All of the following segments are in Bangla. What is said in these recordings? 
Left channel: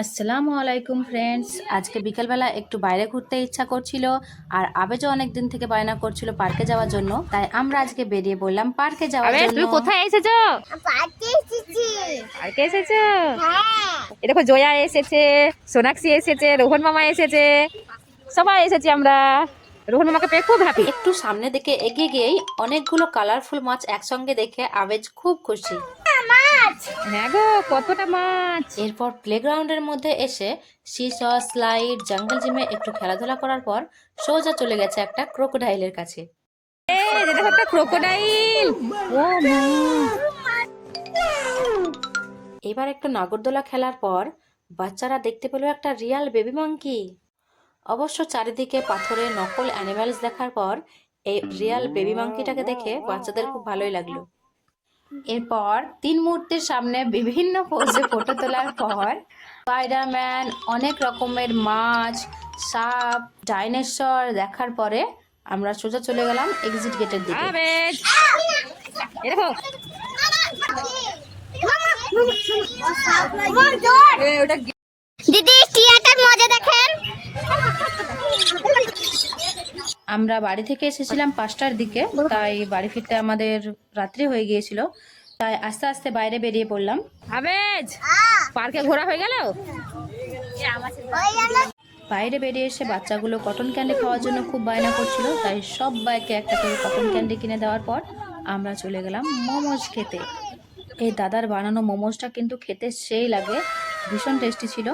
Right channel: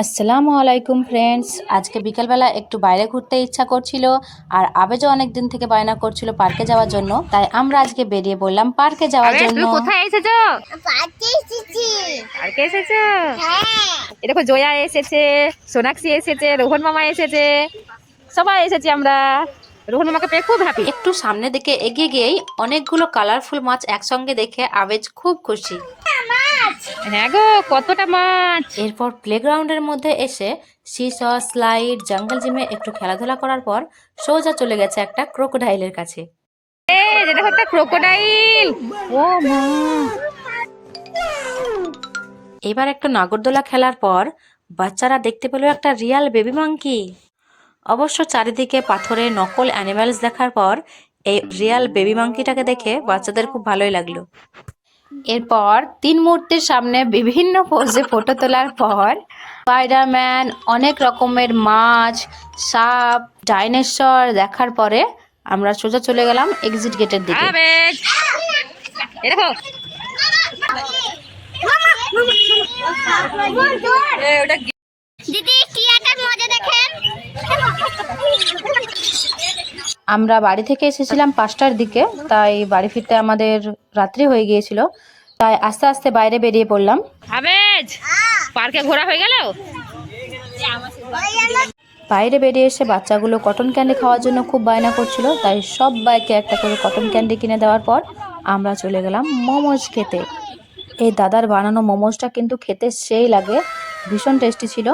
আসসালামু আলাইকুম ফ্রেন্ডস আজকে বিকেলবেলা একটু বাইরে ঘুরতে ইচ্ছা করছিল আর আবেজও অনেক দিন থেকে বায়না করছিল পার্কে যাওয়ার জন্য তাই আমরা আজকে বেরিয়ে বললাম পার্কে যাওয়ার জন্য কোথায় এসেছো পার্কে এসেছি পার্কে এসেছো হ্যাঁ দেখো জয়া এসেছে সোনাক্ষী এসেছে রোহন মামা এসেছে সবাই এসেছি আমরা রোহন মামাকে পেয়ে খুব হ্যাপি একটু সামনে দিকে এগিয়ে গিয়েই অনেকগুলো কালারফুল মাছ একসঙ্গে দেখে আবেজ খুব খুশি কতটা মাছ এরপর প্লেগ্রাউন্ডের মধ্যে এসে শিস স্লাইড জঙ্গল জিমে একটু খেলাধুলা করার পর সোজা চলে গেছে একটা ক্রোকোডাইলের কাছে একটা ক্রোকোডাইল ও এবার একটা নাগরদোলা খেলার পর বাচ্চারা দেখতে পেল একটা রিয়াল বেবি মাঙ্কি অবশ্য চারিদিকে পাথরে নকল অ্যানিমেলস দেখার পর এই রিয়াল বেবি মাঙ্কিটাকে দেখে বাচ্চাদের খুব ভালোই লাগলো এরপর তিন মূর্তির সামনে বিভিন্ন পোজে ফটো তোলার পর স্পাইডারম্যান অনেক রকমের মাছ সাপ ডাইনোসর দেখার পরে আমরা সোজা চলে গেলাম এক্সিট গেটের দিকে আমরা বাড়ি থেকে এসেছিলাম পাঁচটার দিকে তাই বাড়ি ফিরতে আমাদের রাত্রি হয়ে গিয়েছিল তাই আস্তে আস্তে বাইরে বেরিয়ে পড়লাম আবেজ পার্কে ঘোরা হয়ে গেল বাইরে বেরিয়ে এসে বাচ্চাগুলো কটন ক্যান্ডি খাওয়ার জন্য খুব বায়না করছিল তাই সব বাইকে একটা করে কটন ক্যান্ডি কিনে দেওয়ার পর আমরা চলে গেলাম মোমোজ খেতে এই দাদার বানানো মোমোজটা কিন্তু খেতে সেই লাগে ভীষণ টেস্টি ছিল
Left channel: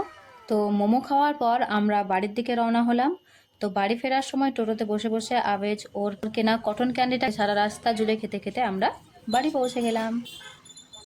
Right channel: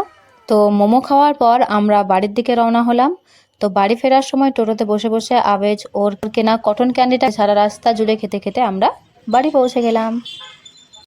তো মোমো খাওয়ার পর আমরা বাড়ির দিকে রওনা হলাম তো বাড়ি ফেরার সময় টোটোতে বসে বসে আবেজ ওর কেনা কটন ক্যান্ডিটা সারা রাস্তা জুড়ে খেতে খেতে আমরা বাড়ি পৌঁছে গেলাম